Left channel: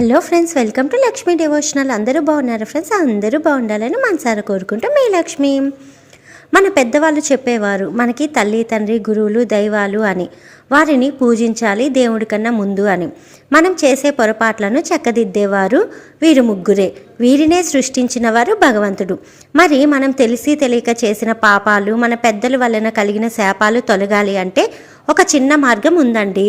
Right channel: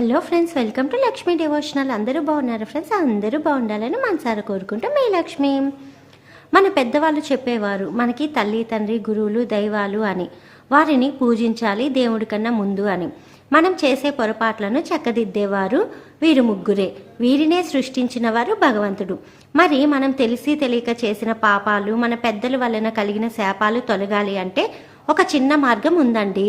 Hello friends, welcome to Lakshmi devotional. అందరూ బాగున్నారు friends? అందరూ బాగుండాలని మనసారా కోరుకుంటూ మీ లక్ష్మి. మన పెద్దవాళ్ళు చెప్పేవారు మనకి తల్లి, తండ్రి, గురువులు, దైవాలు అని. వారిని పూజించాలి దేవుడి కన్నా ముందు అని. మనం చేసే పొరపాట్లను చక్కదిద్దేవారు వీరు ముగ్గురే. వీరినే సృష్టించిన వారు భగవంతుడు. మరి మనం తెలిసి తెలియక చేసిన పాపాలు, మన పెద్దల వలన కలిగిన శాపాలు తొలగాలి అంటే ఒక చిన్న మార్గం ఉందండి.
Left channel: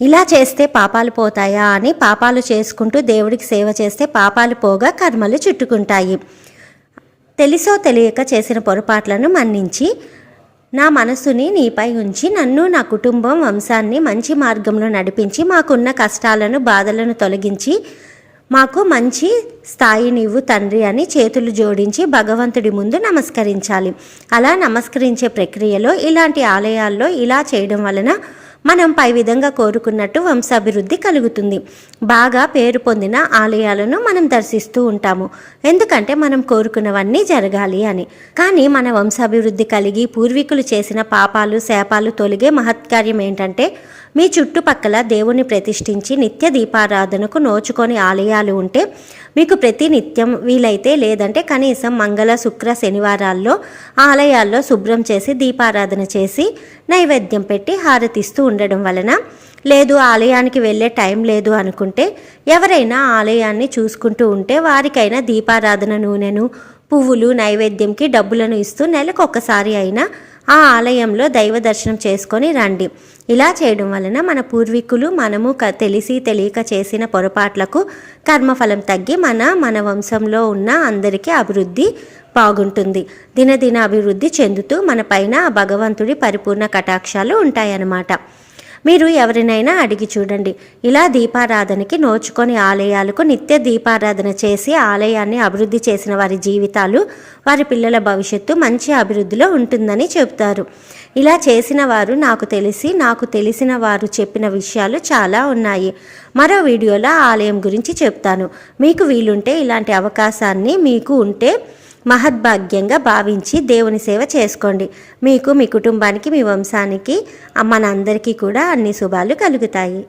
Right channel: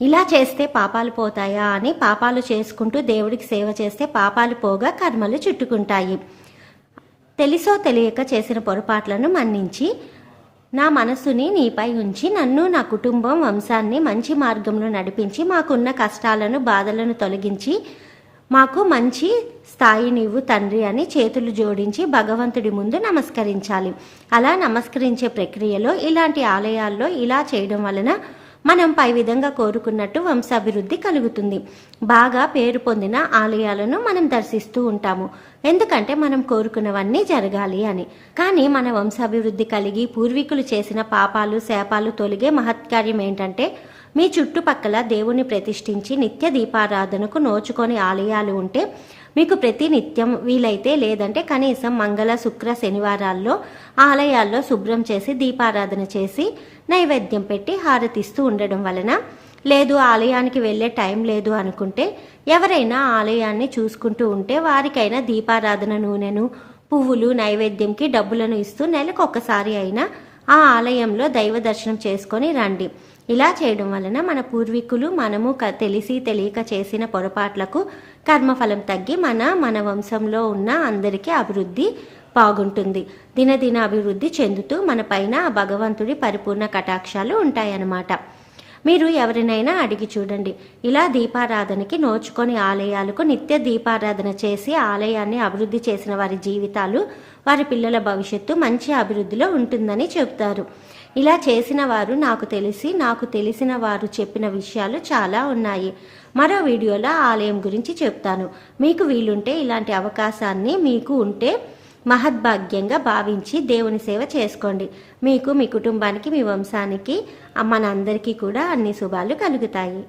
ఇలా చేస్తే పాపాలు పోతాయా అని పాపాలు చేసుకుంటూ దేవుడికి సేవ చేస్తే పాపాలు పోగా కర్మలు చుట్టుకుంటాయి. తెలుసో తెలియక చేసిన పొరపాట్లను మన్నించి నా మనసుని నీపై ఉంచి నన్ను, నా కుటుంబం, వంశాన్ని మంచి మార్గంలో నడిపించి మాకున్న కష్టాలను, బాధలను తొలగించి మాకు మంచి స్థాయినివ్వు తండ్రి అని చేతులు జోడించి భగవంతుడి ముందు నమస్కరించాలి. అలా నమస్కరించే ప్రక్రియలో ఇలాంటి ఆలయాల్లో ఇలా చేయడం వలన మనం పై విధంగా కోరుకున్నట్టు వంశాభివృద్ధి కలుగుతుంది. బాగా పేరు పొందిన ఆలయాలను మనం దర్శిస్తూ ఉంటాము, ఎందుకంటే మనం కోరుకున్నవన్నీ జరగాలి అని. కానీ మన వంశాభివృద్ధి కలిగి పూర్వీకులు చేసిన పాపాలు, శాపాలు తొలగే మహత్కార్యం ఏంటంటే మీ చుట్టుపక్కల దేవుని ప్రతిష్ఠించి నిత్య దీపారాధనకు నోచుకొని ఆలయాలు ఉంటే మీకు ప్రతి నిత్యం వీలైతే, లేదంటే కనీసం మంగళ, శుక్ర, శనివారాల్లో ఆలయాల్లో శుభ్రం చేసి దీపారాధన చేసి నైవేద్యం పెట్టి హారతిస్తూ ఉండడం వలన, లేదు ఆలయానికి వెళ్ళే టైం లేదు అనుకుంటే ఎవరైనా ఆలయాన్ని చూసుకుంటూ ఉంటే వారికైనా దీపారాధన నూనెను, పువ్వులు, నైవేద్యంకి డబ్బులను ఇస్తూ నెలకొకసారి అయినా ఆ ఆలయంలో దైవ దర్శనం చేసుకొని రండి. ఇలా చేయడం వలన మన పూర్వీకులు, మనము తెలిసి తెలియక చేసిన పొరపాట్లకు కర్మఫలం తగ్గి మన వంశంలో ఉన్న అందరికీ అభివృద్ధి బాగుంటుంది. దినదిన అభివృద్ధి చెందుతూ మన పైన భగవంతుడి పరిపూర్ణ కటాక్షాలు ఉంటాయన్నమాట. మీరు ఎవరినైనా అడిగి చూడండి, ఇలా దీపారాధనకి నోచుకొని ఆలయాలకు నిత్య దీపారాధన చేసి ఆలయాన్ని అభివృద్ధి చేసిన వారి జీవితాలు, వారి పిల్లల భవిష్యత్తు మంచి అభివృద్ధిలో ఉంటుందని చెబుతారు. ఇలా చేసిన వారు నాకు తెలిసిన వారు చెప్పిన విషయాలు చాలా ఉన్నాయి. మరో వీడియోలో ఆలయం గురించి చెప్తాను. మీకు వీలుంటే ఇలాంటి అవకాశాన్ని మీకు ఉంటే మహద్భాగ్యంగా భావించి దేవుని సేవ చేసుకోండి. మీకు, మీ కుటుంబానికి, మీ వంశానికి, మనందరికీ కూడా అన్ని శుభాలు కలుగుతాయి.